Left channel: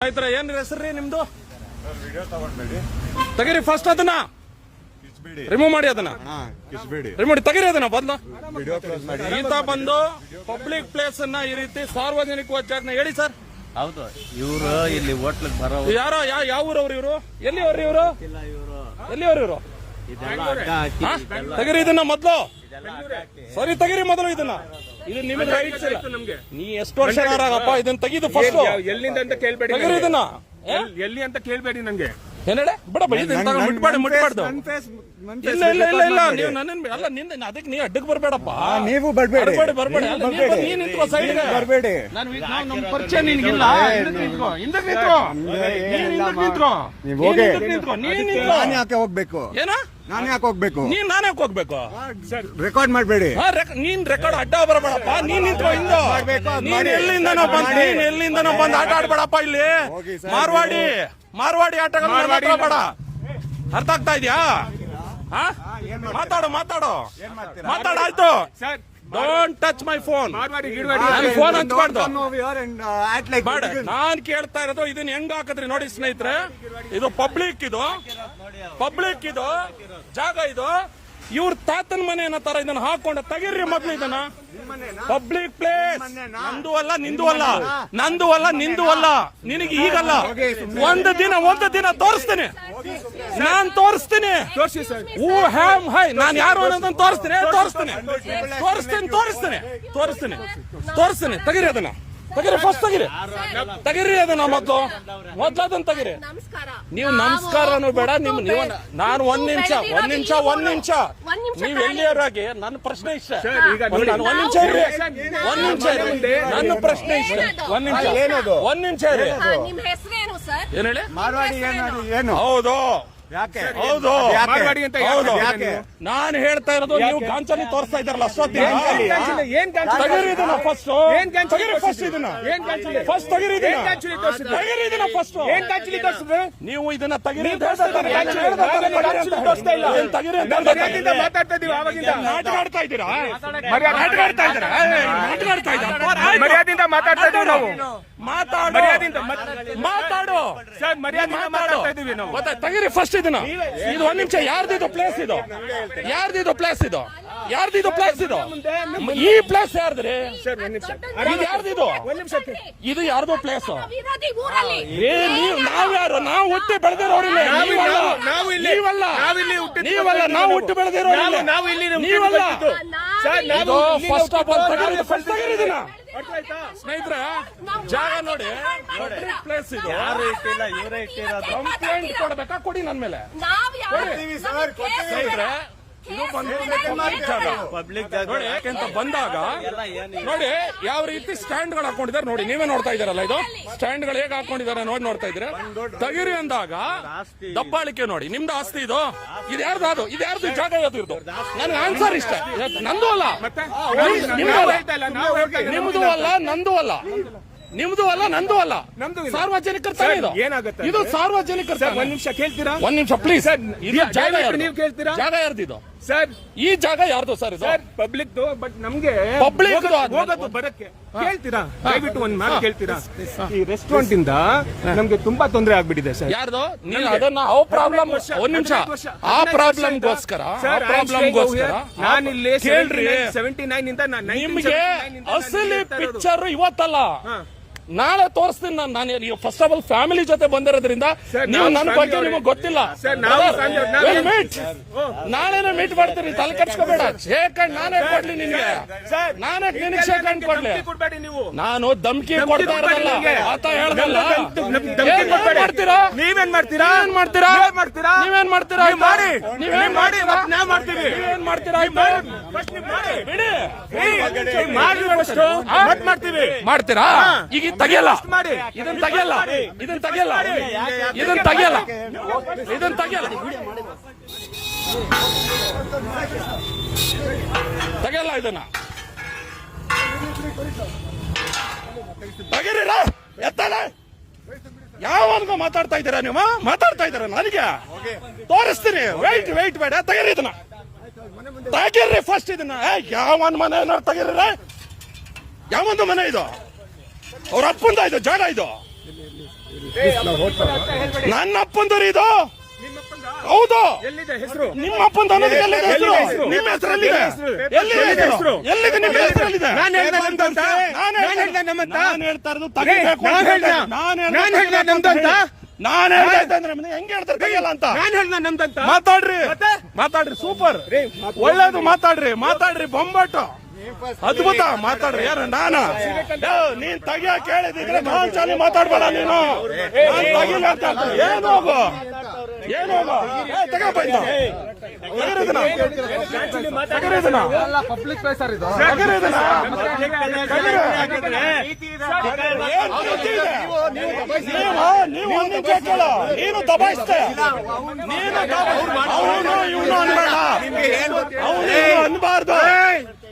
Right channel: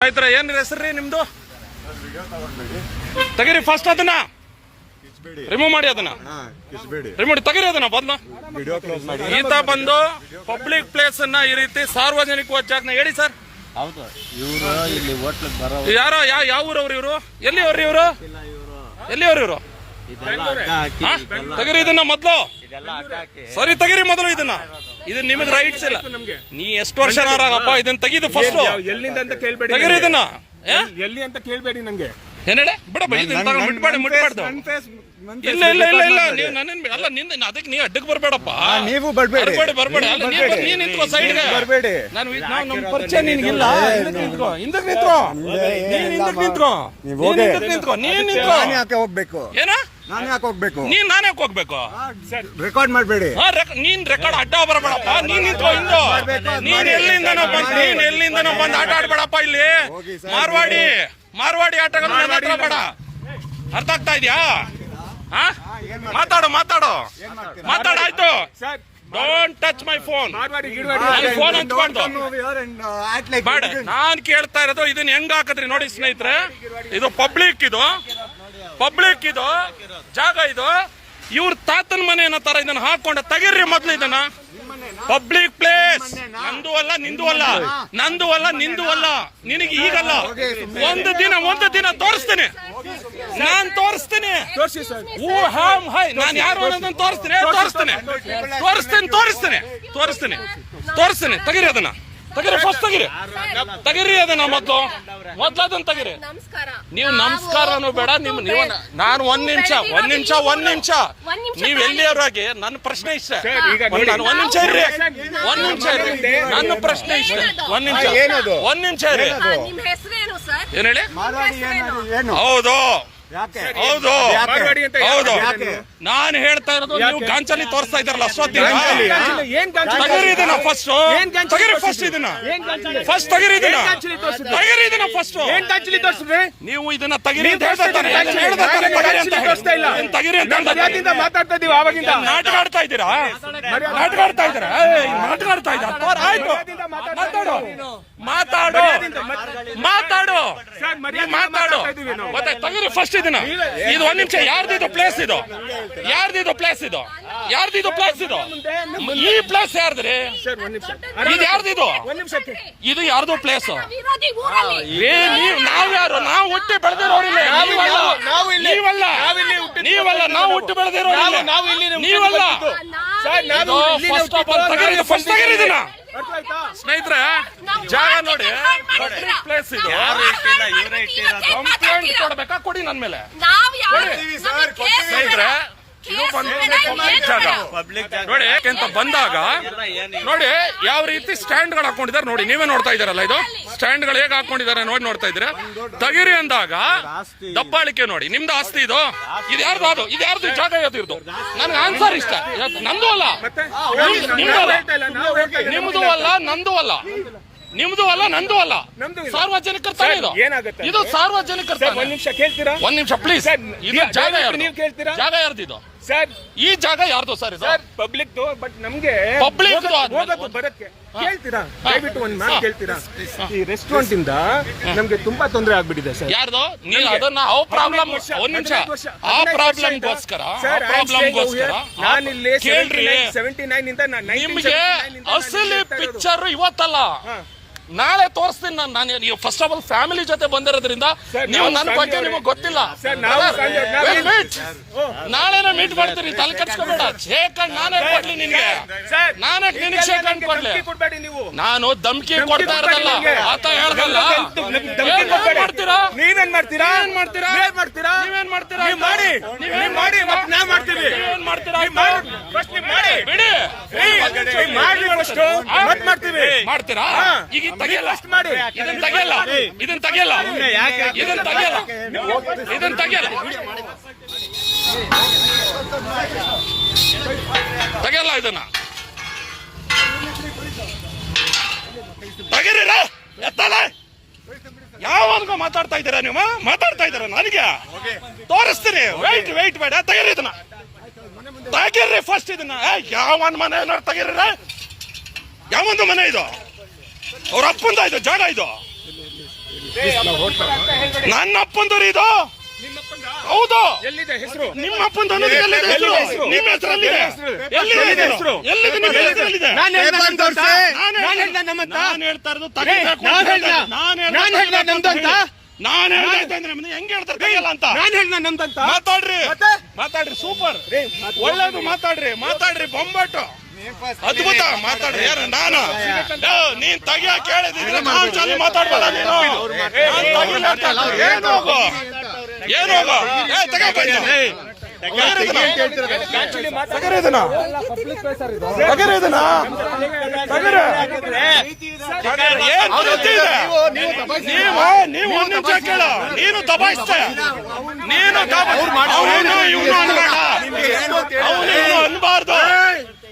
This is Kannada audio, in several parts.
ಆಯ್ತರ ಏನ್ ರೀ ನಿಮ್ದು? ತೆಗೀರಿ ಫಸ್ಟ್ ಅದನ್ನ. ರಿಮೂವ್ ಮಾಡಿ ಅದನ್ನ. ರಿಮೂವ್ ತೆಗೀರಿ ಅದನ್ನ ಬದ್ಲ ವಿಡಿಯೋ ಕ್ಲೋಸ್ ಮಾಡಿ. ಈತ ಬಂದು ಪಬ್ಲಿಕ್ ಪ್ಲೇಸ್ ಅನ್ನ ಈ ರೀತಿ ಸಾರ್ವಜನಿಕ ಜಾಗನ ಹೇಳಿ ಸರ್ ಹೌದು ಇವರು ಇಲ್ಲಿ ಹೋಟ್ಲಿಗೆ ಬರೋ ಯಾರೋ ಯಾವ ಯಾವ ಊರವ್ರು ಇವರು? ಎಲ್ಲಿ ಅವ್ರಿ ಇವರು. ಇವರು? ಎಲ್ಲಿ ಅವ್ರು ಇವರು? ತೆಗೀರಿ ಇದನ್ನ ಮೊದ್ಲು. ಸರಿ ತೆಗೀರಿ ಮೊದಲು ಇದನ್ನ. ಇದು ನಿಮಗೆ ರೈಟ್ಸ್ ಇಲ್ಲ. ನೀ ಎಷ್ಟು ವರ್ಷ ಅಪ್ಪ ಇದನ್ನ ತೆಗಿದು ಫಸ್ಟ್ ಎಲ್ಲಿಂದ ಅಂತ ಕೇಳ್ಬೇಡಿ ತೆಗೀರಿ ಇದನ್ನ. ಏ? ಎಲ್ಲಿ ಅಂತ ಕೇಳ್ಬೇಡಿ ನಂಗೆ. ಏನ್ ಹೇಳಿ ಬಿಡಪ್ಪ ಇದನ್ನ ತಗೊಂಡು ಮುಟ್ಬೇಡಿ ಮುಟ್ಬಾರ್ದು. ಇಲ್ಲ ಇಲ್ಲ ಇಲ್ಲ ಇಲ್ಲ ನೀವು ನನ್ನ ಅಲ್ಲ ನಿಂದ ಅದಕ್ಕೆ ನೀ ಅಡ್ಡಕ್ಕೆ ಬರ್ಬೇಡಪ್ಪ. ನೀವು ಬರ್ಬೇಡಿ. ಬರ್ಬೇಡಿ ಬರ್ಬೇಡಿ. ಅಲ್ಲ ನೀನ್ ಬರ್ಬೇಡಿ. ಬಂದ್ ನಿಂತ್ಕೋ ಸೈಡ್ಗೆ ಬರ್ಬೇಡಿ. ನಾನು ಇದ್- ನಾವು ನಮ್ಮ ಪರಿಚಯ ನಿನ್ಗಿಲ್ಲ ಹಿಂದಕ್ಕೆ ನಿಂತ್ಕೋ ಹಿಂದಕ್ಕೆ ನಿಂತ್ಕೋ. ನಮ್ಗೆ ನೀನ್ ಏನಿಲ್ಲ ಹಿಂದಕ್ಕೆ ಮಾ. ನಿಂತ್ಕೋ. ನೀವ್ ನೀನ್ ಹೋಗಿ. ಹಿಂದಕ್ಕೆ ನಿಂತ್ಕೋ. ನೀನ್ ನಿಂತ್ಕೋ. ನಾನು ಯಾಕೆ ಹೋಗ್ಬೇಕು? ಏನ? ನಾನು ಯಾಕೆ ಹೋಗ್ಬೇಕು? ನೀನ್ ನಾನೇ ಯಾಕ್ ಹೋಗ್ಬೇಕು? ರೆಕಾರ್ಡ್ ಮಾಡಬೇಡಿ. ಹಾ, ರೆಕ್- ನೀನ್ ರೆಕಾರ್ಡ್ ಅಡ್ಡ ಬರಬೇಡಪ್ಪ ನೀನ್ ನಿಂತ್ಕೋ ಹಿಂಗೋ. ಮಾಡ್ಬೇಕು, ಅದ್ ನೀನ್ ಮಾಡಿ. ಎಲ್ಲಿಂದನೋ ಬಂದ್ ನೀನ್ ಎಲ್ಲಿಂದನೋ ಬಂದ್ ಆಟ ಆಡ್ಬೇಡಪ್ಪ ಇಲ್ಲಿ. ಹೋಗಿ ಸರ್, ಮಾರ್ವಾಡಿ. ಮಾರ್ವಾಡಿ ಆಟಗಳು ನನ್ನ ಹತ್ರ ಬೇಡ. ಅರ್ಥ ಆಗ್ತಾ ಇದ್ಯಾ? ಹಾ ಮಾತಾಡು ಮಾತಾಡು. ಏನ್ ಮಾಡ್ತೀರಾ? ಮಾತಾಡು ಆಯ್ತು. Sir don't touch my phone phone ಹಂಚ್ಬಾರ್ದು. ಬೇಡ. ನಾನ್ ಕೇಳ್ತಾ ಇರೋದು ಇದನ್ನ ಹೆಂಗ್ ಹಾಕದ್ರಿ ನೋಡಿ ಸ್ನೇಹಿತರೆ. ಇದು ಪಬ್ಲಿಕ್ ಇದು. ಪಬ್ಲಿಕ್ ಇದು. ಜಾಗ ಇದು. ಇವ್ರ ತಾತನ ಮನೆ ಏನೋ ತರ ಇದನ್ನ ಹಾಕೊಂಡ. ತೆಗೀರಿ ಮೊದ್ಲು ಇದನ್ನ. ಪಬ್ಲಿಕ್ ಪ್ಲೇಸ್ ನಂದು ಅಲ್ಲ ನಿಂದು ಅಲ್ಲ. ನಂದು ಅಲ್ಲ ನಿಂದು ಅಲ್ಲ. ನಿನಗೆ ಈಗಲ್ಲ. ಒಂದು ದಿನ ಒಂದು ದಿನ ತೋರಿಸ್ತೇನೆ. ನಾನ್ ತೋರಿಸ್ತೀನಿ. ಊ ಹೂ ಹ್ಯಾಮ್ ಹೈ. ನಾನು ಯಾರು ಅನ್ನೋದನ್ನ ತೋರಿಸ್ತೇನೆ. ತೋರಿಸ್ತೇನೆ. ತೋರಿಸ್ತೀನಿ ತೋರಿಸ್ತೇನೆ. ತೋರಿಸ್ತೀನಿ ತೋರಿಸ್ತೇನೆ. ತೆಗೀರಿ ಅದನ್ನ. ತೆಗೀರಿ ಫಸ್ಟ್ ತಗಿರಿ ತಗಿರಿ ಅದನ್ನ ಮೊದಲು ಮೊದ್ಲು ಅದನ್ನ ನೀವು ನಮಸ್ಕಾರ ನೀವು ನಮಸ್ಕಾರನು ಬೇಡ ನಿಮ್ ನೀವು ನಾನು ಒಂದ್ ನಿಮಿಷ ಒಂದ್ ನಿಮಿಷ ಒಂದ್ ನಿಮಿಷ ನೀವು ಎಲ್ಲಿಯವರಾಗಿ ನನ್ನ ಪ್ರಶ್ನೆ ಇಷ್ಟ ಸರ್, ಈಗ ಒಂದ್- ನಾನು ಒಂದ್ ನಿಮಿಷ ಇರ್ರಿ ಒಂದ್ ನಿಮಿಷ ಇರ್ರಿ ನನ್ನ ಪ್ರಶ್ನೆ ಇಷ್ಟ ಒಂದ್ ನಿಮಿಷ? ಒಂದ್ ನಿಮಿಷ ಇರ್ರಿ ಏನ್ ಹೇಳಿ ಮಾರ್ವಾಡಿ ಏನು ಏನು ಹೌದು ಯಾಕೆ? ಹೌದು. ಯಾಕೆ? ಹೌದು. ನಾನು ಹೇಳ್ತಾ ಇರೋದು ನೀವು ಗಾಂಚಲಿ ತೋರಿಸ್ತಾ ಇದ್ದಾರಲ್ಲ ತಗಿರಿ ಇದನ್ನ ಫಸ್ಟ್ ಏನ್ ಗಾಂಚಲಿ ತಗಿರಿ ಫಸ್ಟ್ ಇದನ್ನ. ಫಸ್ಟ್ ತಗಿರಿ ಇದನ್ನ. ಗಾಂಚಲಿ ತೋರ್ಸಿದ್ರು? ತಗಿರಿ ಇದನ್ನ ಫಸ್ಟ್ ನೀವು ಇದನ್ನ ತಗಿರಿ ಅಂತ ಹೇಳ್ತಾ ತಾನೆ ಹೇಳ್ತಾ ತಾನೆ ತಗಿರಿ ಅಂತ. ಏನ್ ತಗಿರಿ ಅಂತ ಹೇಳ್ತಾ ಮಾತಾಡ್ತಾ ಇದೀವಿ ಆವಾಗಿಂದ. ನಾಟಕ ಆಡ್ತಾ ಇದ್ದೀರಾ? ನಾಟಕ ಆಡ್ತಾ ಇದ್ದೀರಾ? ನಾಟಕ ಆಡ್ತಾ ಇದ್ದೀರಾ? ಮಾತಾಡು. ಮಾತಾಡು. ಮಾತಾಡು. ಗೊತ್ತಾಯ್ತು ತಗಿರಿ ಫಸ್ಟ್ ಇದನ್ನ. ಇದು ಒಂದ್ ನಿಮಿಷ. ಯಾರ್ದಿದು ಪ್ಲೇಸ್ ಇದು? ಯಾರ್ದಿದು ಪ್ಲೇಸ್ ಇದು? ಯಾರ್ದಿದು ಪ್ಲೇಸ್ ಇದು? ಈ ಪ್ಲೇಸ್ ಯಾರ್ದ್ರಿ? ಇದು ಯಾರ್ದಿದು ಇದು? ಯಾರ್ದು ಪ್ಲೇಸ್ ನೀವ್ ಯಾರು? ನಾವು ಹುಟ್ಟಿ ಬೆಳೆದಿರೋರಿಲ್ಲ ನಾವು- ನೀವಲ್ಲ. ನೀವಲ್ಲ ನಾವು ಹುಟ್ಟಿ ಬೆಳೆದಿರೋರಿಲ್ಲ ನೀವಲ್ಲ. ಫಸ್ಟ್ ಆಫ್ ಆಲ್ ಹುಟ್ಟಿದ್ದು, ಫಸ್ಟ್ ತಗರಿ ಇದನ್ನ ಸ್ನೇಹಿತರೆ ಜಾಗ ನೋಡಿ. ಪಬ್ಲಿಕ್ ಪ್ಲೇಸ್ ಇದು. ಯಾರು ಇಟ್ಟಿಲ್ಲ ಇವರೇ ಇಟ್ಟಿರೋದು. ಕಂಪ್ಲೇಂಟ್ ಕೊಡ್ಬೇಕಾ? ಕೊಡಿ ನನ್ ಮೇಲೆ. ಸ್ನೇಹಿತರೆ ಇದು ಬಂದು ಪಬ್ಲಿಕ್ ಜಾಗ. ಪಬ್ಲಿಕ್ ನೋಡಿ ಯಾಕೆಂತ ಬಂದಾಗ ನೋಡಿ ಯಾವ ರೀತಿ ಸ್ಟ್ಯಾಂಡ್ಗಳು ಹಾಕೊಂಡಿದ್ದಾರೆ ನೋಡಿ ನೀವೇ ನೋಡ್ತಾ ಇದಾರಲ್ಲ ಇದು? ಸ್ಟ್ಯಾಂಡ್ಗಳು ಹೇಗೆ ಹಾಕೊಂಡಿದ್ದಾರೆ ನೋಡಿ ನೋಡ್ತಾ ಇದ್ರೆ ತಗಿರಿ ಅಂದಾಗ ದಬ್ಬಾಳಿಕೆ ನೋಡಿ ನಿಮ್ದು ಆಸ್ತಿ ಇದು? ಇದು ಯಾರ್ದು ಅದು? ಇದು ಯಾರ್ದು ಜಾಗ ಯಾವ್ದು ಇರ್ದು ನನ್ಗೆ ಆನ್ಸರ್ ಇಷ್ಟ. ನಂದು ಅಲ್ಲ. ನಿಮ್ದು- ಅಲ್ಲ. ನಂದು ಅಲ್ಲ. ನಿಮ್ದು ಅಲ್ಲ. ನಂದು ಅಲ್ಲ. ಸಾರ್ವಜನಿಕರ ತಾನೇ ಇದು ಏನಾಗುತ್ತೆ ಇದು ಸಾರ್ವಜನಿಕರ ಒಂದ್ ನಿಮಿಷ ಕೇಳ್ತೀರಾ? ಒಂದ್ ನಿಮಿಷ ಪ್ಲೀಸ್ ಇದು ಜಾಗ ಯಾರ್ದು? ನೀವು ಕೇಳ್ತೀರಾ? ಜಾಗ ಯಾರ್ದು ಇದು ಸರ್ ಈ ಜಾಗ ಯಾರ್ದು ಸರ್ ಇದು? ಸರ್ ಪಬ್ಲಿಕ್ ಬಟ್ ನಮ್ಗೆ Public ದು ಹೋಗೋದು- ಆದ್ಮೇಲೆ ಹೋಗೋದು ಬರಕ್ಕೆ ಕೇಳ್ತೀರಾ? ದಯವಿಟ್ಟು ಒಂದ್ ಮಾತು ಕೇಳ್ತೀರಾ? ಈ ರೆಸ್ಟೋರೆಂಟ್ ಇಂದ ನಮ್ಗೆ ತುಂಬಾ ತೊಂದರೆ ಆಗ್ಬಿಟ್ಟಿದೆ ಸರ್. ಯಾರ್ದು? ನೀವು ಅದನ್ನ ಆ ಪ್ರಾಬ್ಲಮ್ ಒಂದ್ ನಿಮಿಷ. ಆ ಪ್ರಾಬ್ಲಮ್ ಗೋಸ್ಕರ ಆ sir, I am staying over ಪ್ರಾಬ್ಲಮ್ಗೋಸ್ಕರ here. ನಾನು ಇಲ್ಲಿ ಕೇಳ್ರಿ. 79 ಇಂದ ನಾನು 1979 ನಿಮ್ಗೆ ಅಸಲಿ ಪಿಕ್ಚರ್ ಇವತ್ತಲ್ಲ. ನಾಳೆ ತೋರಿಸ್ತೀನಿ ನಾನು ನಾನು ನೀವು ಫಸ್ಟ್ ಆಫ್ ಆಲ್ ಫ್ಯಾಮಿಲಿ ಜೊತೆ ಬಂದಿರೋದ್ರಿಂದ ನೀವು ನನ್ನ ಬಗ್ಗೆ ನಿಮಗೆ ಗೊತ್ತಿಲ್ಲ ಸರ್, ನಾವು ಸಂಜೆ- ನಾವು- ಮೀಟ್ ನಾಳೆನೇ ಮೀಟ್ ಮಾಡ್ತೀನಿ ತಲೆ ಕಟ್ಸ್ಕೋಬೇಡ ಶೇಖಂಡ್ ನಾನೇ ಕೊಡ್ಲಿ ನಿನ್ಗೆ ಸರ್, ನಾನೇ ನಿನಗೆ ಶೇಖಂಡ್ ಕೊಡ್ಲಿ ನಾನು ಧಮ್ಕಿ ಕೊಡ್ತಾ ಇರೋದಲ್ಲ. ಆತ ಹೇಳ್ದಲ್ಲ. ಮಾಡ್ತೀರಾ ನೀವೇನ್ ಮಾಡ್ತೀರಾ ಏನ್ ಮಾಡ್ತೀರಾ ಮಾಡ್ತೀರಾ ನೀವೇನ್ ಮಾಡ್ತೀರಾ ಮಾಡಿ ನೀವೇನ್ ಮಾಡಿ ನಾ ಮಾಡ್ತೀವಿ ಏನ್ ಮಾಡ್ತೀರಾ ಬಿಡಿ ಮಾಡ್ತೀವಿ ಮಾಡ್ತೀರಾ ಈಗ ತೆಗಿಯಲ್ಲ. ಇದನ್ನ ತೆಗೆಯಲ್ಲ. ಇದನ್ನ ತೆಗೆಯಲ್ಲ. ಇದನ್ನ ತೆಗೆಯಲ್ಲ. ಇದನ್ನ ತೆಗಿಯಲ್ಲ. ತೆಗಿಯಲ್ಲ ಇದನ್ನ. ತೆಗೀರಿ ಎತ್ತಲ್ಲ ಎತ್ತಲೆ. ಯಾವನ್ಗೋ ಮಾತಾಡ್ತಾ ಇದ್ದೀರಾ ನೀವು ಮಾತಾಡ್ತಾ ಇದ್ದೀರಾ ನನಗೆ? ತೋರಿಸ್ತೀನಿ. ವೈಟ್ ವೈಟ್ ಬೇಡ ತೆಗೀರಿ ಇದನ್ನ. ತೆಗೀರಿ ಫಸ್ಟ್ ಇದನ್ನ. ಏ ಯಾವನ್ ಮನೆ ಏನಾರು ತೆಗೀರಿ ಯಾವೊಂದು ಮನೆ ಇದು? ಅವ್ರ ಅಪ್ಪಂದ ಇದೆ ಜಾಗ ಇದು ನನ್ನ ಅಪ್ಪಂದರು ಇದು ಹೌದು ಹೆಸರು ನಿಮ್ಮ ಅಪ್ಪಂದ? ನಿಮ್ಮ ಹೆಸರಲ್ಲಿ ಹೆಸರು? ಎಲ್ಲಿದೆ ನಿಮ್ಮ ಹೆಸರು ಎಲ್ಲಿದೆ? ನಾನು ಹೇಳ್ತಾ ಇರೋದು ತಗಬೇಕು ನಾನು ಹೇಳ್ದೆ ನಮ್ದು ಅಂತ ನಾನು ಹೇಳ್ತಾ ಅಂದ್ರೆ ಹೆಂಗ್ ಹೇಳ್ತಾರೆ ಅಂತ ನಾನು ಹೇಳ್ದೆ ನಮ್ದಂತ ಮಾತಾಡ್ರಿ? ಮಾತಾಡ್ರಿ ಸೂಪರ್ ಒಳ್ಳೇದು ಮಾತಾಡ್ರಿ ಮಾತಾಡ್ರಿ ಬೊಂಬಾಟು ಅದ್ಭುತ ಮಾತಾಡ್ರಿ, ಯಾರ ನಾನ? ನೀನ್ ತೆಗಿಯ ಕೇಳಿದ್ರೆ ನಾನ್ ಚಾಲಿ ಮಾತಾಡ್ಬೇಡ ನೀನು. ಏನೋ ಏನೋ ಏ ನೀವು ಕೇಳ. ನೀನು ದಬಾಯಿಸ್ತೆ ನೀನು ಅವನು ಇವನು ಅನ್ಬೇಡ. ಅವನು ಅನ್ಬಾರ್ದು.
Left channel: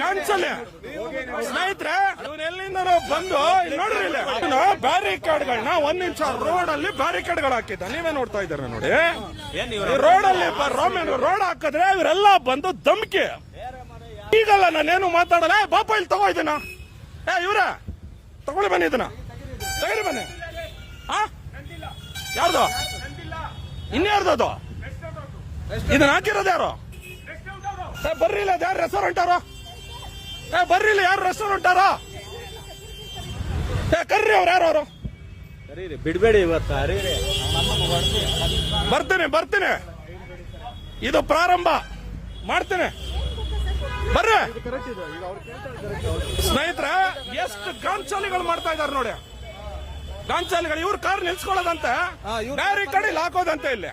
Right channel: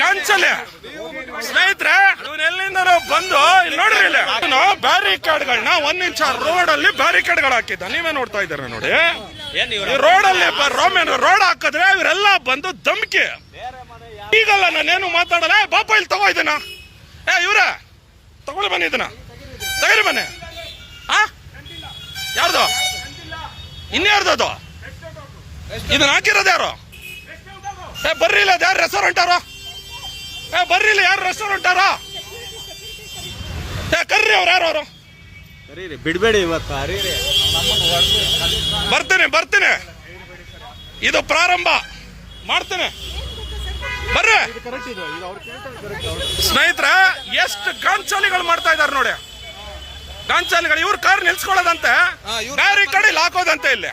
ಗಂಚಲೆ ಸ್ನೇಹಿತರೆ ಎಲ್ಲಿಂದ ಬಂದು ಇಲ್ಲಿ ನೋಡ್ರಿ ಇಲ್ಲ. ಬ್ಯಾರಿಕೇಡ್ಗಳನ್ನ ಒಂದ್ ಇಂಚ ರೋಡ್ ಅಲ್ಲಿ ಬ್ಯಾರಿಕೇಡ್ಗಳು ಹಾಕಿದ್ದ. ನೀವೇ ನೋಡ್ತಾ ಇದ್ದೀರ ನೋಡಿ? ರೋಡ್ ಅಲ್ಲಿ ರೋಮೇನ್ ರೋಡ್ ಹಾಕಿದ್ರೆ ಇವರೆಲ್ಲ ಬಂದು ಧಮ್ಕಿ. ಈಗಲ್ಲ ನಾನೇನು ಮಾತಾಡಲ್ಲ? ಬಾಪ, ಇಲ್ಲಿ ತಗೋ ಇದನ್ನ. ಏ, ಇವ್ರ, ತಗೊಳ್ಳಿ ಬನ್ನಿ ಇದನ್ನ. ತಗರಿ ಬನ್ನಿ. ಆ? ಯಾರ್ದು? ಇನ್ಯಾರ್ದು ಅದು? ಇದನ್ನ ಹಾಕಿರೋದು ಯಾರು? ಏ ಬರ್ರಿ ಇಲ್ಲ ಯಾರು ರೆಸ್ಟೋರೆಂಟ್ ಯಾರು ಏ ಬರ್ರಿ ಇಲ್ಲ ಯಾರು ರೆಸ್ಟೋರೆಂಟ್ ಯಾರು ಏ ಕರ್ರಿ ಅವ್ರು ಯಾರು ಅವರು? ಬಿಡ್ಬೇಡಿ ಇವತ್ತು. ಬರ್ತೀನಿ ಬರ್ತೀನಿ. ಇದು ಪ್ರಾರಂಭ. ಮಾಡ್ತೀನಿ. ಬರ್ರಿ. ಸ್ನೇಹಿತರೆ ಎಷ್ಟು ಗಾಂಚಾಲಿಗಳು ಮಾಡ್ತಾ ಇದಾರೆ ನೋಡಿ. ಗಾಂಚಾಲಿಗಳು ಇವ್ರ ಕಾರ್ ನಿಲ್ಸ್ಕೊಳ್ಳೋದಂತೆ. ಬ್ಯಾರಿಕೇಡ್ ಇಲ್ಲಿ ಹಾಕೋದಂತೆ ಇಲ್ಲಿ.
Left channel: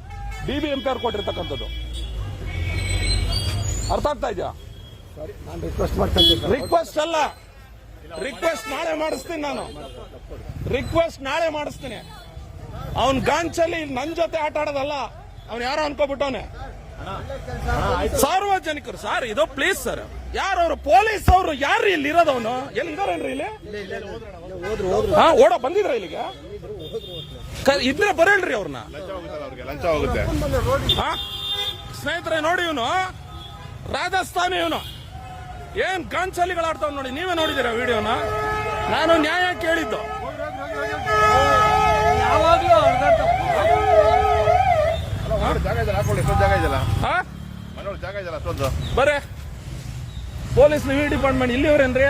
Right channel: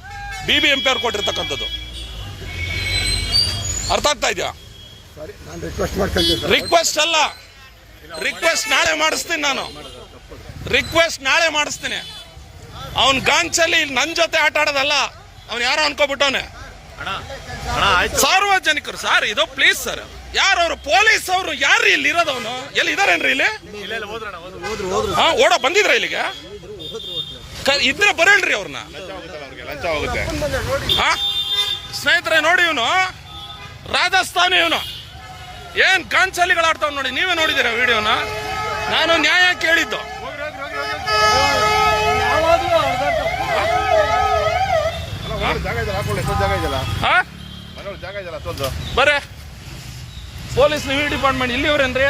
ಬಿ ಬಿ ಎಂ ಪಿ ಅವ್ರು ಕೊಟ್ಟಿರ್ತಕ್ಕಂಥದ್ದು. ಅರ್ಥ ಆಗ್ತಾ ಇದೆಯಾ? ನಾನು ರಿಕ್ವೆಸ್ಟ್ ಅಲ್ಲ. ರಿಕ್ವೆಸ್ಟ್ ನಾಳೆ ಮಾಡಿಸ್ತೀನಿ ನಾನು. ರಿಕ್ವೆಸ್ಟ್ ನಾಳೆ ಮಾಡಿಸ್ತೀನಿ. ಅವನ್ ಗಾಂಚಲ್ಲಿ ಇಲ್ಲಿ ನನ್ನ ಜೊತೆ ಆಟ ಆಡೋದಲ್ಲ ಅವ್ನು ಯಾರೋ ಅನ್ಕೋಬಿಟ್ಟವನೆ. ಅಣ್ಣ ಅಣ್ಣ ಆಯ್ತು. ಸಾರ್ವಜನಿಕರು ಸರ್ ಇದು ಪ್ಲೀಸ್ ಸರ್ ಯಾರು ಅವರು? ಪೊಲೀಸ್ ಅವರು ಯಾರು ಇಲ್ಲಿ ಇರೋದವನು ಎಲ್ಲಿ ಇದಾರೇನ್ರಿ ಇಲ್ಲಿ? ಹಾ ಓಡ ಬಂದಿದ್ರ ಇಲ್ಲಿಗೆ? ಕ- ಇದ್ರೆ ಬರಲ್ರಿ ಅವ್ರನ್ನ ಹಾ ಸ್ನೇಹಿತರೆ ನೋಡಿ ಇವನು. ರಾಜಸ್ಥಾನಿ ಇವನು. ಏನ್ ಕಾಂಚಲಿಗಳಾಡ್ತಾವ್ ನೋಡಿ ನೀವೇ ನೋಡಿದಿರ ವಿಡಿಯೋನ? ನಾನು ನ್ಯಾಯ ಕೇಳಿದ್ದು. ಹಾ ಜಾಗ ಇದೆಯಲ್ಲ ಅಷ್ಟೊಂದು ಬರ್ರೆ ಪೊಲೀಸ್ ನೀವು ಡಿಪಾರ್ಟ್ಮೆಂಟ್ ಇಲ್ಲಿವ್ರೇನ್ರಿ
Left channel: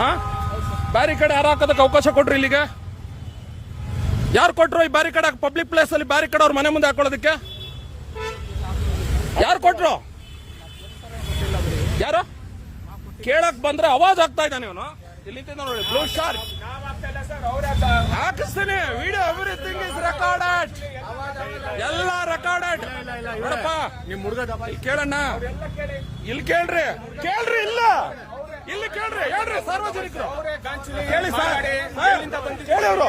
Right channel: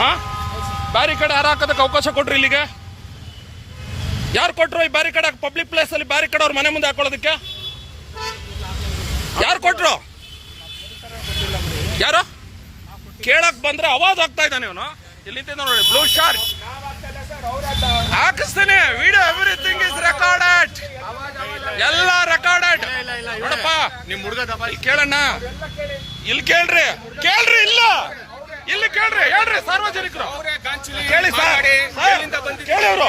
ಹಾ ಬ್ಯಾರಿಕೇಡ್ ಯಾರು ಹಾಕೋದಕ್ಕೆ ಅವಕಾಶ ಕೊಡ್ರಿ ಇಲ್ಲಿಗೆ? ಯಾರು ಕೊಟ್ರು ಈ ಬ್ಯಾರಿಕೇಡ್ ಪಬ್ಲಿಕ್ ಪ್ಲೇಸ್ ಅಲ್ಲಿ ಬ್ಯಾರಿಕೇಡ್ ಅವ್ರ ಮನೆ ಮುಂದೆ ಹಾಕೊಳ್ಳೋದಕ್ಕೆ? ಯಾರು ಕೊಟ್ರು? ಯಾರು? ಕೇಳಕ್ ಬಂದ್ರೆ ಅವಾಜ್ ಆಗ್ತಾ ಇದ್ದಾನೆ ಇವನು. ಇಲ್ಲಿ ನೋಡಿ ಬ್ಲೂ ಶಾರ್ಟ್ ಹಾಕಿಸ್ತೀನಿ. ವಿಡಿಯೋ ಎವ್ರಿಥಿಂಗ್ ಇಸ್ ರೆಕಾರ್ಡೆಡ್ ಎಲ್ಲ ರೆಕಾರ್ಡೆಡ್ ನೋಡಪ್ಪ ನಿಮ್ ಹುಡುಗ ದಬ ಇಲ್ಲಿ ಕೇಳಣ್ಣ. ಇಲ್ಲಿ ಕೇಳ್ರಿ. ಕೇಳ್ರಿ ಇಲ್ಲ. ಇಲ್ಲಿ ಕೇಳ್ರಿ. ಹೇಳ್ರಿ ಸಾರ್ವಜನಿಕರು. ಕೇಳಿ ಸರ್, ಕೇಳಿ ಅವರು.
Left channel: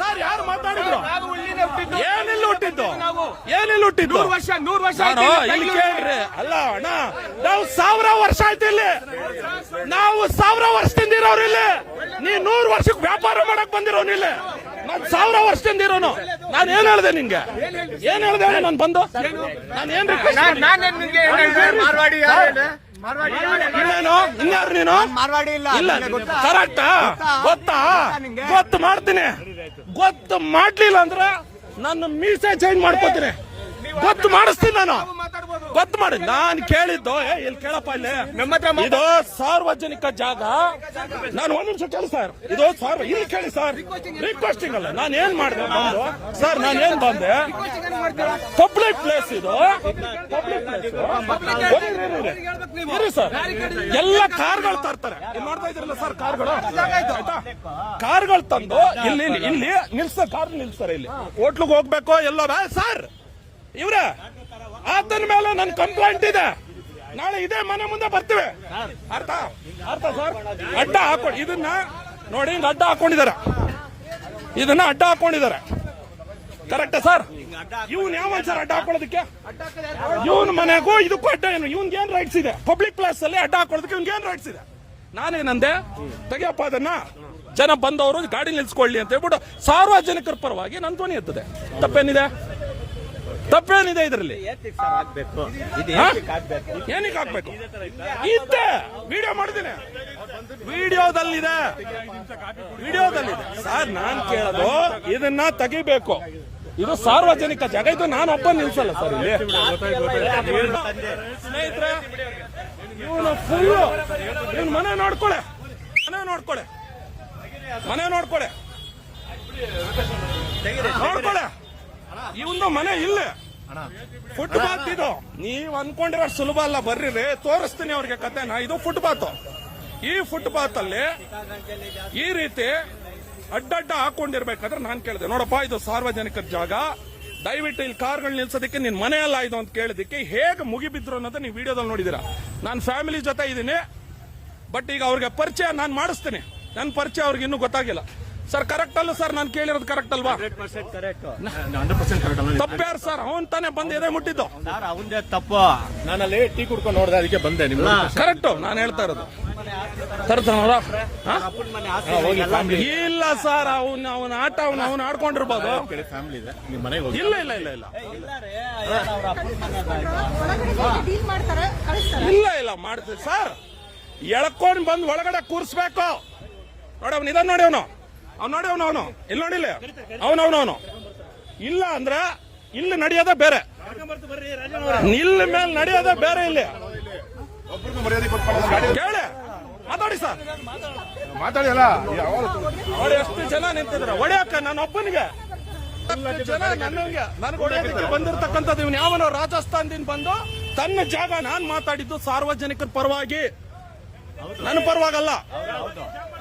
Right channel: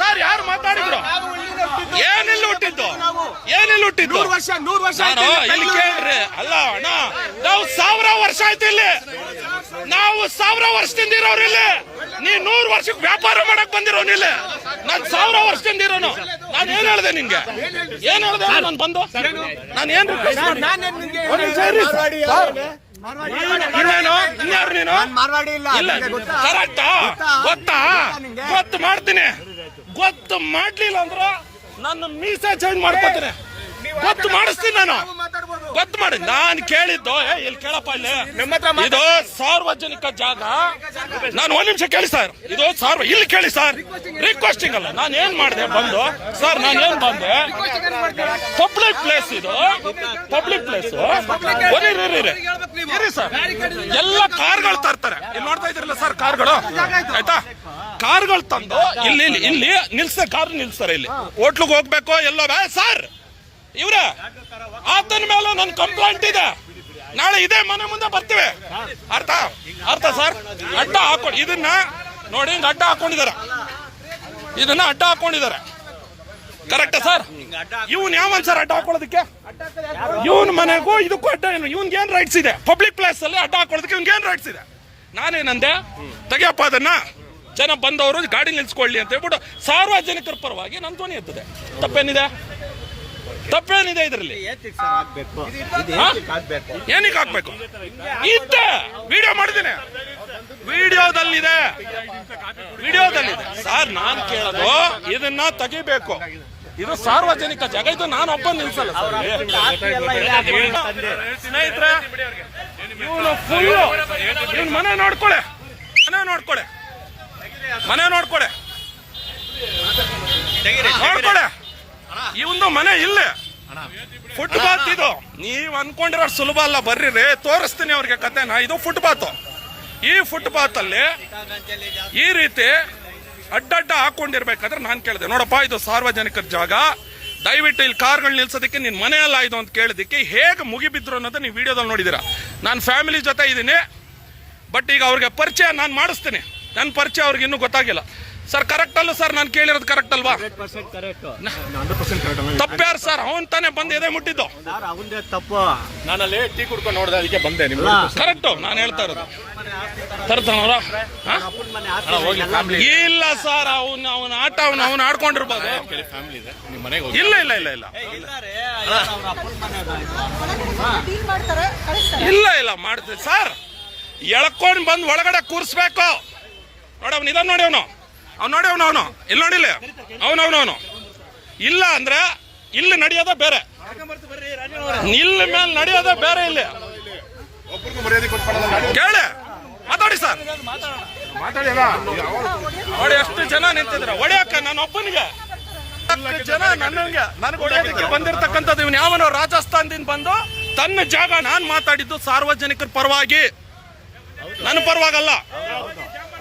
ಸರ್ ಯಾರು ಮಾತಾಡಿದ್ರು? ಏನಿಲ್ಲ ಹುಟ್ಟಿದ್ದು? ಏನಿಲ್ಲ ಹುಟ್ಟಿದ್ದು? ನೂರು ವರ್ಷ ನೂರು ವರ್ಷ ನಾನು ಇಲ್ಲಿ ಕೇಳ್ರಿ. ಅಲ್ಲ ಅಣ್ಣ ನಾವು ಸಾವಿರ ವರ್ಷ ಆಯ್ತು ಇಲ್ಲಿ. ನಾವು ಸಾವಿರ ವರ್ಷದಿಂದ ಇರೋರು ಇಲ್ಲಿ. ನೀ ನೂರು ವರ್ಷಕ್ಕೆ ವ್ಯಾಪಾರ ಮಾಡಕ್ ಬಂದಿರೋನು ಇಲ್ಲಿ. ನಾನು ಸಾವಿರ ವರ್ಷದಿಂದ ಇರೋನು. ನಾನು ಏನ್ ಹೇಳ್ದೆ ನಿಂಗೆ? ಏನ್ ಹೇಳ್ದೆ ನಾನು ಬಂದು? ನಾನು ಏನ್ ರಿಕ್ವೆಸ್ಟ್ ಹೇಳ್ದೆ? ಇನ್ನೇನು ಇನ್ಯಾರು ನೀನು? ಇಲ್ಲ ಕರೆಕ್ಟ್? ಗೊತ್ತಾ? ಗೊತ್ತು ಮಾಡ್ತೀನಿ. ಗೊತ್ತು ಮಾಡ್ಲಿಲ್ಲ ಅಂದ್ರೆ ನನ್ನ ಮೀಸೆ ಚೇಂಜ್ ಮಾಡ್ಕೋತೀನಿ. ಗೊತ್ತು ಮಾಡಿಸ್ತೀನಿ ನಾನು. ಗೊತ್ತು ಮಾಡಿ. ನಾನು ಕೇಳಿದ್ದು ಏ, ಇಲ್ಲಿ ಕೇಳಪ್ಪ ಇಲ್ಲಿ. ನಿಮ್ಮ ಹತ್ರ ಇದು ಸಾರ್ವಜನಿಕ ಜಾಗ. ನಾನು ಒಂದ್ ನಿಮಿಷ ಕೇಳಿ ಸರ್. ಇದು ಸಾರ್ವ ಇಲ್ಲಿ ಕೇಳಿ ಸರ್. ರಿಕ್ವೆಸ್ಟಿಂಗ್ ಅಲ್ಲ. ನಾನು ಏನ್ ಮಾಡಿದೆ ಬಂದು? ಸರ್ ನಾನು ಏನ್ ಬಂದೆ? ಪಬ್ಲಿಕ್ ಪ್ಲೇಸ್ ಇದು. ಪಬ್ಲಿಕ್ ಪ್ಲೇಸ್ ಇರಿ ಸರ್. ಎಲ್ಲ ಕಾರ್ಗಳು ತರ್ತಾರೆ. ಇಲ್ಲಿ ನೋಡ್ತಾ ಇದ್ರಲ್ಲ ಸರ್ ಕಾರ್ಗಳು? ಆಯ್ತಾ? ಕಾರ್ಗಳು ತಂದು ಇಲ್ಲಿ ಇಲ್ಲಿ- ಇಲ್ಲಿ ನಿಲ್ಸ ಕಾರ್ ನಿಲ್ಸ್ತಾರೆ ಇಲ್ಲಿ. ಹೋಟ್ಲಿಗೆ ಹೋಗ್ಬೇಕು ಎಲ್ಲೋ ಬೇ ಸರ್. ಇವ್ರೆ ಆತನ ಮೇಲೆ ನನ್ನ ಕಂಪ್ಲೇಂಟ್ ಇದೆ. ನಾಳೆ ಇದೇ ಮನೆ ಮುಂದೆ ಬರ್ತೀವಿ. ಅರ್ಥ? ಅರ್ಥ ಸರ್? ಅಡ್ಡ ಹಾಕೊಂಡು ಇದನ್ನ ನೋಡಿ ಹಿಂಗ್ ಅಡ್ಡ ಹಾಕೊಂಡಿದ್ದಾರೆ. ಇದನ್ನ ಅಡ್ಡ ಹಾಕೊಂಡಿದ್ದಾರೆ. Correct sir? ಇವನ್ ಯಾವನ್ ಸರ್ ಅಡ್ಡ ಹಾಕೊಳ್ಳೋದಕ್ಕೆ? ಇವನ್ ಮನೆಗೂ ಇದಕ್ಕೂ ಅಡ್ಡ ಏನು? ಇವನ್ಗೆ ಏನ್ ರೈಟ್ಸ್ ಇದೆ? ಪಬ್ಲಿಕ್ ಪ್ಲೇಸ್ ಅಲ್ಲಿ ಅಡ್ಡ ಹಾಕೊಳ್ಳೋದಕ್ಕೆ ಇವನ್ಗೆ ಏನ್ ರೈಟ್ಸ್ ಇದೆ? ನಾನೇನಂದೆ? ತೆಗಿಯಪ್ಪ ಅದನ್ನ. ಜನ ಬಂದವರು ಗಾಡಿ ನಿಲ್ಸ್ಕೊಳ್ಳಿ ಅಂತ ಹೇಳ್ಬಿಟ್ಟು ಸಾರ್ವಜನಿಕರ ಪರವಾಗಿ ನನ್ನ ಧ್ವನಿ ಎತ್ತದೆ ತಪ್ಪೇನಿದೆ? ತಪ್ಪೇನಿದೆ ಇದರಲ್ಲಿ? ಏನಕ್ಕೆ ಹಾಕ್ಬೇಕು? ಇತ್ತ! ವಿಡಿಯೋ ಮಾಡಿದ್ದೀನಿ. ವಿಡಿಯೋದಲ್ಲಿದೆ. ವಿಡಿಯೋದಲ್ಲಿದೆ. ಸರ್, ನಾನ್ ಕೇಳೋದು ಇದನ್ನ ತೆಗಿಬೇಕು. ಇದು ಸಾರ್ವಜನಿಕ ಜಾಗ. ಇದು ನಾನು ಒಬ್ಬ ನಿಲ್ಸಲ್ಲ ಸರ್ ಸ್ನೇಹಿತರೆ, ಇವನು ಫುಲ್ ಇವನ್ ಮನೆ ನೋಡ್ಕೊಳೆ. ಮನೆ ನೋಡ್ಕೊಳೆ. ಮನೆ ನೋಡ್ಕೊಳೆ ನೋಡ್ಕೊಳೆ ಇವಂದು ಮನೆ ಇಲ್ಲ. ಫುಟ್ಪಾತ್ ಇದು. ನೀವ್ ಅನ್ಕೊಂಡಿರೋ ಸುಲಭ ಅಲ್ಲ. ಬರ್ರಿ ತೋರಿಸ್ತೀನಿ ಅವ್ರಿಗೆ ಕತೆನ ಇದು ಫುಟ್ಪಾತ್. ಈ ಫುಟ್ಪಾತ್ ಅಲ್ಲಿ ಈ ರೀತಿ ಅಡ್ಡಡ್ಡ ಹಾಕೊಂಡಿರ್ಬೇಕಾದ್ರೆ ನಾನು ಕೇಳಿದೆ. ನೋಡಪ್ಪ, ಇದು ಸಾರ್ವಜನಿಕರ ಜಾಗ. ದಯವಿಟ್ಟು ಇಲ್ಲಿ ಕಾರ್ಗಳು ನಿಲ್ಸೋದಕ್ಕೆ ನಿನ್ನ ಮನೆ ಅಲ್ಲ ಇದು ಅಂತ ಕೇಳಿದಕ್ಕೆ ಹೇಗೆ ಮುಗಿಬಿದ್ರು ಅನ್ನೋದು ನೀವು ವಿಡಿಯೋದಲ್ಲಿ ನೋಡಿದ್ದೀರಾ. ನಾನು ಫ್ಯಾಮಿಲಿ ಜೊತೆ ಇದ್ದೀನಿ. ಬಟ್ ಈಗ ಅವ್ರಿಗೆ ಪರಿಚಯ ನಾನು ಮಾಡಿಸ್ತೀನಿ. ನನ್ನ ಪರಿಚಯ ಅವ್ರಿಗೆ ಇನ್ನೂ ಗೊತ್ತಾಗಿಲ್ಲ. ಸರ್ ಕರೆಕ್ಟ್ ಅಲ್ಲ ಸರ್ ನಾನು ಕೇಳಿರೋದು ಕರೆಕ್ಟ್ ಅಲ್ವಾ? ತಪ್ಪ್ಯಾರು ಸರ್ ಅವನ್ ತಾನೇ ಬಂದು ಎದೆ ಮುಟ್ಟಿದ್ದು. ತಪ್ಪು. ನಾನಲ್ಲಿ ಟೀ ಕುಡ್ಕೊಂಡು ನೋಡಿದೆ ಅದಕ್ಕೆ ಬಂದೆ ನಿಮ್ ಕರೆಕ್ಟ್ ನಾನು ಹೇಳ್ತಾ ಇರೋದು. ತರ್ತಾನವ್ರ ಅಪ್ಪನ ಮನೆ ಇಲ್ಲ ಸರ್ ಅವನ್ ಅವನ ಆಟ ಅವನ್ ಅವನ್ ಆಡ್ಕೊಂಡಿರ್ಬೋದು. ಫ್ಯಾಮಿಲಿ ಇದೆ. ನಿಮ್ ಮನೆಗೆ ಇಲ್ಲ ಇಲ್ಲ ಇಲ್ಲ ಇಲ್ಲ. ಇಲ್ಲಾರೆ, ಅವ್ರ ಅಪ್ಪನ ಮನೆ ಅದ. ಡೀಲ್ ಮಾಡ್ತಾರೆ ಕಳಿಸ್ತಾರೆ. ಇಲ್ಲ ಇಲ್ಲ ಮಾಡ್ತೀವಿ. ಸರ್ ಎಳ್ಕೊಂಡ್ ಬಂದ್ ಒಳಗಡೆ ಕೂರ್ಸ್ಬೇಕು. ನೋಡಿ, ಅವ್ನು ಇದನ್ನ ನೋಡಿ ಅವನು. ಅವ್ನು ನೋಡಿ ಅವನು ಅವನು. ಇಲ್ಲಿ. ನೋಡಿಲ್ಲ ಅವನು ಅವನು ಅವನು. ಇಲ್ಲ ಅಂದ್ರೆ ಇಲ್ಲಿ ನಡೆಯೋದೇ ಬೇರೆ. ಇಲ್ಲಿ ಮೇಲೆ ನಡೆಯೋದೇ ಬೇರೆ ಇಲ್ಲಿ. ಕೇಳಿ. ಮಾತಾಡಿ ಸರ್. ನೋಡಿ, ಎಷ್ಟು ಜನ ನಿಂತಿದ್ರ. ಒಡೆಯಕ್ಕೆ ನನ್ನ ಒಬ್ಬನಿಗೆ. ಜನ ನನಗೆ ನನಗೆ ಒಡೆಯೋದಕ್ಕೆ ಬಂದಿರತಕ್ಕಂಥದ್ದು ಇವನು ಯಾವನೋ ರಾಜಸ್ಥಾನದಿಂದ ಬಂದು ತನ್ನ ಜಾಗ ನಾನು ಮಾತಾಡಿದ್ದು ಸಾರ್ವಜನಿಕರ ಪರವಾಗಿ. ನನ್ನ ಪರವಾಗಲ್ಲ.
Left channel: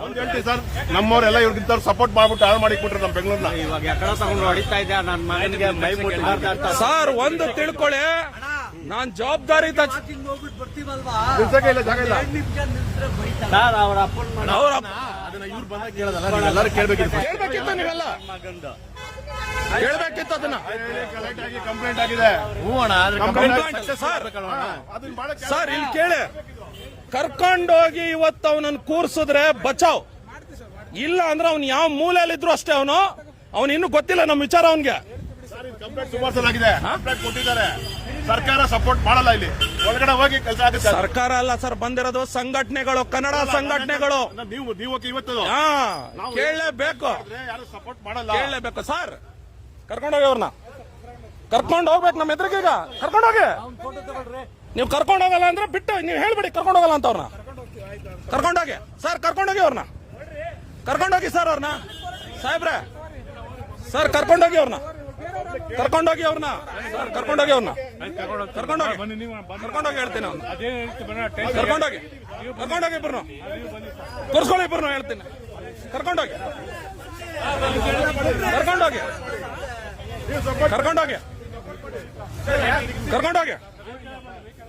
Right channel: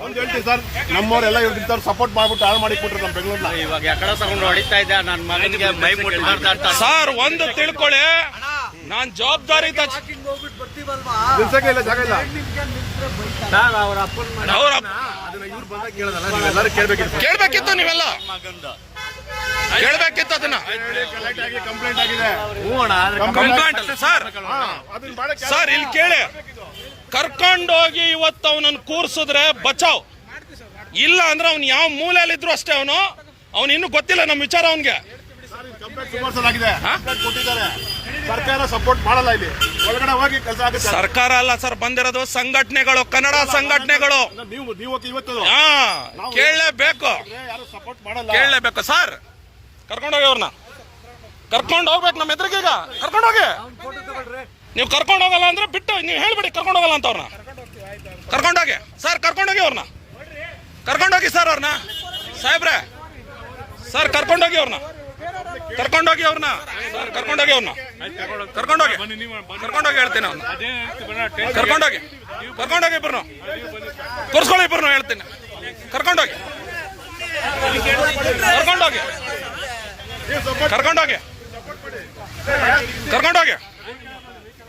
ಹೇಳ್ತೀನಿ ಸರ್. ನಮ್ಮವರೆಲ್ಲ ಇವ್ರಿಗೆ ಸಪೋರ್ಟ್ ಮಾಡ್ಬಿಟ್ಟು ಹಾಳು ಮಾಡಿ ಕೊಟ್ರು ನಮ್ಮ ಬೆಂಗಳೂರ್ನ. ಇವಾಗ ಎಕಡೆ ತಗೊಂಡು ಹೊಡಿತಾ ಇದ್ದೆ ನನ್ನ ಮಗನಿಗೆ ಮೈ ಮುಟ್ಟು ಮಾತಾಡ್ತಾ ಸರ್ ಒಂದು ತಿಳ್ಕೊಳ್ಳಿ ನಾನ್ ಜವಾಬ್ದಾರಿ ಇವ್ರು ಕೇಳ್ಬೇಕಿತ್ತು. ಕೇಳ್ಬೇಕಿತ್ತು ನೀವೆಲ್ಲ. ಮಗಂದ. ಕೇಳ್ಬೇಕಿತ್ತು ಅದನ್ನ. ಕಂಪ್ಲೇಂಟ್ ಆಗಿದೆ. ಹ್ಞೂ ಅಣ್ಣ ಕಂಪ್ಲೇಂಟ್ ಅಲ್ಲ ಸರ್. ಸರ್ ಇಲ್ಲಿ ಕೇಳಿ. ಕರ್ಕೊಂಡೋಗಿ ಇವತ್ತು ಅವನನ್ನು ಕೂರ್ಸಿದ್ರೆ ಬಚಾವ್. ಇಲ್ಲ ಅಂದ್ರೆ ಅವ್ನು ಯಾವ ಮೂಲೆಯಲ್ಲಿದ್ರು ಅಷ್ಟೇ ಅವನು. ಅವನು ಇನ್ನೂ ಗೊತ್ತಿಲ್ಲ ನಮ್ಮ ವಿಚಾರ ಅವನಿಗೆ. ಸರ್ ಇದು ಕಂಪ್ಲೇಂಟ್ ಸುಮಾರು ಆಗಿದೆ ಕಂಪ್ಲೇಂಟ್ ಕೊಟ್ಟಿದ್ದಾರೆ. ಸರ್ಕಾರ ಸಪೋರ್ಟ್ ಮಾಡಲ್ಲ ಇಲ್ಲಿ. ಒಳಗಡೆ ಹೋಗಿ ಕೆಲಸ ಆಗುತ್ತೆ. ಸರ್ಕಾರ ಅಲ್ಲ ಸರ್ ಬಂದಿರೋದು ಸಂಘಟನೆಗಳು ಕನ್ನಡ ಸಂಘಟನೆಗಳು. ನೀವು ನೀವು ಇವತ್ತು ಹಾ ಕೇಳಲೇಬೇಕು. ಯಾರು ಸಪೋರ್ಟ್ ಮಾಡಲ್ಲ. ಕೇಳಲೇಬೇಕು ಸರ್. ಕರ್ಕೊಂಡೋಗಿ ಅವ್ರನ್ನ. ಕರ್ಕೊಂಡು ಹೋಗ್ಬೇಕು ನಮ್ಮ ಎದುರಿಗೀಗ ಕರ್ಕೊಂಡೋಗಿ. ನೀವು ಕರ್ಕೊಂಡು ಹೋಗಲ್ಲ ಅಂದ್ರೆ ಬಿಟ್ಟು ನೀವು ಹೇಳ್ಬಿಡಿ ಕರ್ಕೊಂಡು ಹೋಗಲ್ಲ ಅಂತ ಅವ್ರನ್ನ. ಕರ್ಕೊಂಡೋಗಿ. ಸರ್, ಕರ್ಕೊಂಡೋಗಿ ಅವ್ರನ್ನ. ಕರ್ಕೊಂಡೋಗಿ ಸರ್ ಅವ್ರನ್ನ. ಸಾಹೇಬ್ರೆ, ಸರ್, ಕರ್ಕೊಂಡೋಗಿ ಅವ್ರನ್ನ. ಕರ್ಕೊಂಡೋಗಿ ಅವ್ರನ್ನ. ಸರ್, ಕರ್ಕೊಂಡೋಗಿ ಅವ್ರನ್ನ. ಕರ್ಕೊಂಡೋಗಿ. ಕರ್ಕೊಂಡೋಗಿ ಹೇಳ್ತೀನಿ ಅವ್ರನ್ನ. ಕರ್ಕೊಂಡೋಗಿ. ಕರ್ಕೊಂಡೋಗಿ ಇಬ್ಬರು ಕೂರ್ಸ್ಕೊಳ್ಳಿ ಇಬ್ಬರು ಹೇಳ್ತೀನಿ. ಕರ್ಕೊಂಡೋಗಿ. ಕರ್ಕೊಂಡೋಗಿ. ಕರ್ಕೊಂಡೋಗಿ. ಕರ್ಕೊಂಡೋಗಿ.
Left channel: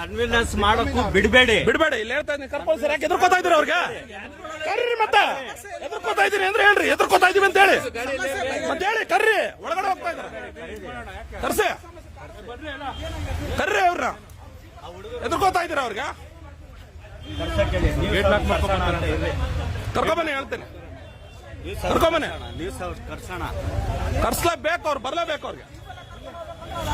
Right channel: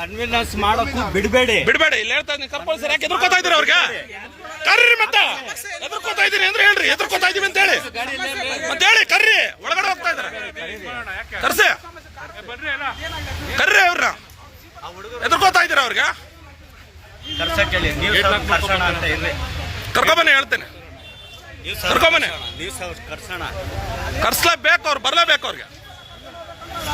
ಕನ್ವಿನ್ಸ್ ಮಾಡೋಕ್ಕೂ ಬಿಡಬೇಡಿ. ಬಿಡಬೇಡಿ. ಇಲ್ಲಿ ಹೇಳ್ತಾ ಇದ್ದೀನಿ ಕಂಪಲ್ಸರಿ ಸರ್ ಯಾಕೆ ಎದುರ್ಕೋತಾ ಇದ್ದೀರಿ ಅವ್ರಿಗೆ? ಕರ್ರಿ ಮತ್ತೆ. ಎದುರ್ಕೋತಾ ಇದ್ದೀನಿ ಅಂದ್ರೆ ಹೇಳ್ರಿ ಎದುರ್ಕೋತಾ ಇದೀವಿ ಅಂತ ಹೇಳಿ. ಮತ್ತೆ ಹೇಳಿ ಕರ್ರಿ. ಒಳಗಡೆ ಹೋಗ್ತಾ ಇದಾರೆ ಕರ್ಸಿ. ಕರ್ರಿ ಅವ್ರ ಎದುರ್ಕೋತಾ ಇದ್ದೀರಾ ಅವ್ರಿಗೆ? ಕರ್ಸಕ್ ಹೇಳಿ ನೀವು ಕರ್ಸೋಣ ಅಂತ ಇರ್ರಿ. ಕರ್ಕೊಂಬನ್ನಿ ಹೇಳ್ತೇನೆ. ಕರ್ಕೊಂಬನ್ನಿ ಕರ್ಸೋಣ. ಕರ್ಸ್ಲೇಬೇಕು ಅವ್ರು ಬರ್ಲೇಬೇಕು ಅವ್ರಿಗೆ.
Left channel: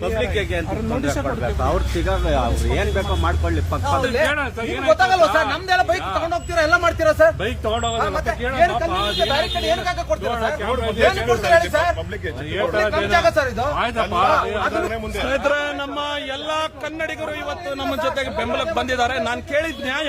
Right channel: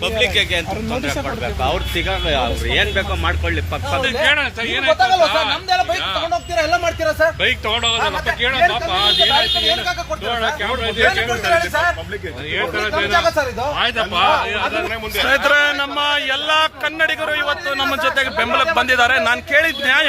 ಪಬ್ಲಿಕ್ ಅಂತ ತೊಂದರೆ ಕೊಡ್ಬೇಕು. ಅವ್ರ ತಿಗ ಅವ್ರು ಏನ್ ಬೇಕೋ ಮಾಡ್ಕೊಳ್ಳಿ. ಪಕ್ಕ ಗೊತ್ತಾಗಲ್ವಾ ಸರ್ ನಮ್ದೆಲ್ಲ ಬೈಕ್ ತಗೊಂಡ್ ಹೋಗ್ತೀರಾ ಎಲ್ಲ ಮಾಡ್ತೀರಾ ಸರ್? ಬೈಕ್ ಕೇಳೋಣ ಸರ್ ಇದು? ಆಯ್ತಪ್ಪ. ಸ್ನೇಹಿತರೆ ನಮ್ಮ ಎಲ್ಲಾ ಕನ್ನಡಿಗರು ಇವತ್ತು ನಮ್ಮ ಜೊತೆಗೆ ಬೆಂಬಲಕ್ಕೆ ಬಂದಿದ್ದಾರೆ. ನಾನು ಕೇಳಿದ ನ್ಯಾಯ.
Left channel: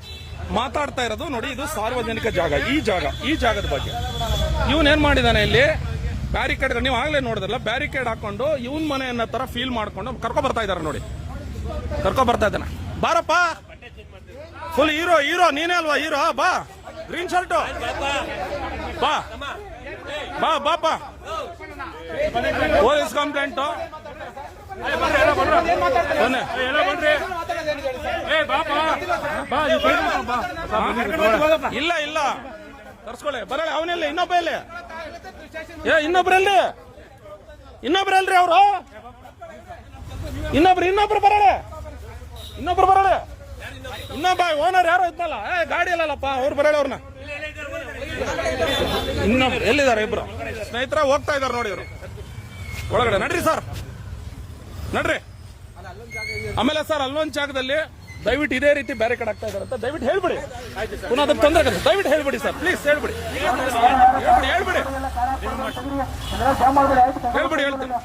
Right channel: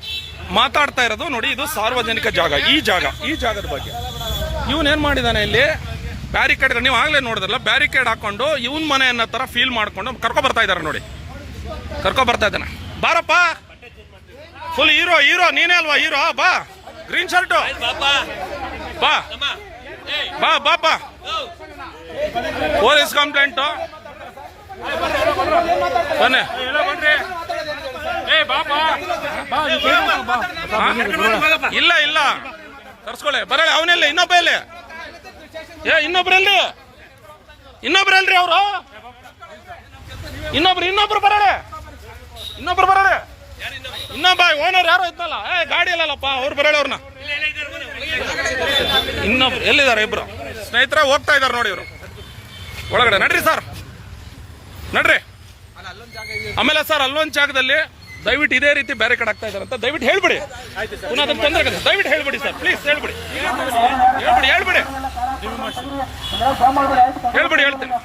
ಮಾತಾಡ್ತಾ ಇರೋದು ನೋಡಿ, ಇದು ಸಾರ್ವಜನಿಕ ಜಾಗ, ಈ ಜಾಗ, ಈ ಜಾಗದ ಬಗ್ಗೆ. ಇವನ್ ಏನ್ ಮಾಡಿದಾನೆ ಇಲ್ಲಿ? ಬ್ಯಾರಿಕೇಡ್ ನೀವು ಆಗ್ಲೇ ನೋಡಿದ್ರಲ್ಲ ಬ್ಯಾರಿಕೇಡ್ ಹಾಕೊಂಡು ಇವನ್ ಮನೆ ಅನ್ನೋ ತರ ಫೀಲ್ ಮಾಡ್ಕೊಂಡು ಕರ್ಕೊ ಬರ್ತಾ ಇದಾರೆ ನೋಡಿ. ಕರ್ಕೊ ಬರ್ತಾ ಇದ್ದಾನೆ. ಬಾರಪ್ಪ! ಫುಲ್ ಹೀರೋ ಹೀರೋ ನೀನೇ ಅಲ್ವಾ ಹೀರೋ ಬಾ. ಗ್ರೀನ್ ಶರ್ಟು ಬಾ. ಬಾ ಬಾ ಬಾ. ಪೊಲೀಸ್ ಕಂಪ್ಲೇಂಟ್ ಬನ್ನಿ? ಇಲ್ಲ ಇಲ್ಲ. ಕರ್ಸ್ಕೊಳ್ಳಿ ಬರಲ್ಲ ಅವನಿಲ್ಲ ಇನ್ನೊಬ್ಬ ಇಲ್ಲಿ ಏ ಇನ್ನೊಬ್ರು ಇನ್ನೊಬ್ರಲ್ರಿ ಅವರು? ಇನ್ನೊಬ್ರು ಇನ್ನೊಬ್ರು ಬರಳೆ ಇನ್ನೊಬ್ರು ಬರಳೆ ಇನ್ನೊಬ್ಬ, ಓನರ್ ಯಾರೋ ಇದ್ನಲ್ಲ. ಏ, ಗಾಡಿ ಇಲ್ಲಲ್ಲಪ್ಪ ಅವ್ರು ಬರಳೆ ಅವ್ರನ್ನ. ಇನ್ನೊಬ್ರು, ಎಲ್ಲಿದ್ದಾರೆ ಇಬ್ರು? ಸ್ನೇಹಿತರ, ಹೋಗ್ತಾ ಇದ್ದಾರೆ ನೋಡಿ ಇವರು. ಒಳಗಡೆ ನಡ್ರಿ ಸರ್. ನಡ್ರಿ. ಆಮೇಲೆ ಸರ್ ಅಲ್ಲೊಂದು ಜಾಗದಲ್ಲಿ ದಯವಿಟ್ಟು ಇದೇ ರೀತಿ ಬೇರೆ ಕಡೆ ಆಗ್ತಾ ಇದಾರೆ ಅಂತ ದಯವಿಟ್ಟು ಹೇಳ್ಬಿಡಿ. ಪುನಃ ಅದಕ್ಕೆ ತೊಂದರೆ ಆಗುತ್ತೆ ದಯವಿಟ್ಟು ಹೇಳ್ಬಿಡಿ ಸರ್ ಪ್ಲೀಸ್ ಹೇಳ್ಬಿಡಿ. ಹೇಳ್ಬಿಡಿ ಹೇಳ್ಬಿಡಿ. ಹೇಳ್ಬಿಡಿ ಹೇಳ್ತೀನಿ.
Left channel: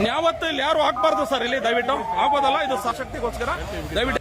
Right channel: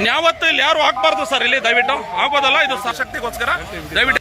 ಇನ್ಯಾವತ್ತು ಇಲ್ಲಿ ಯಾರು ಹಾಕ್ಬಾರ್ದು ಸರ್ ಇಲ್ಲಿ ದಯವಿಟ್ಟು? ಆಗೋದಲ್ಲ ಇದು ಸಶಕ್ತಿಗೋಸ್ಕರ ದಯವಿಟ್ಟು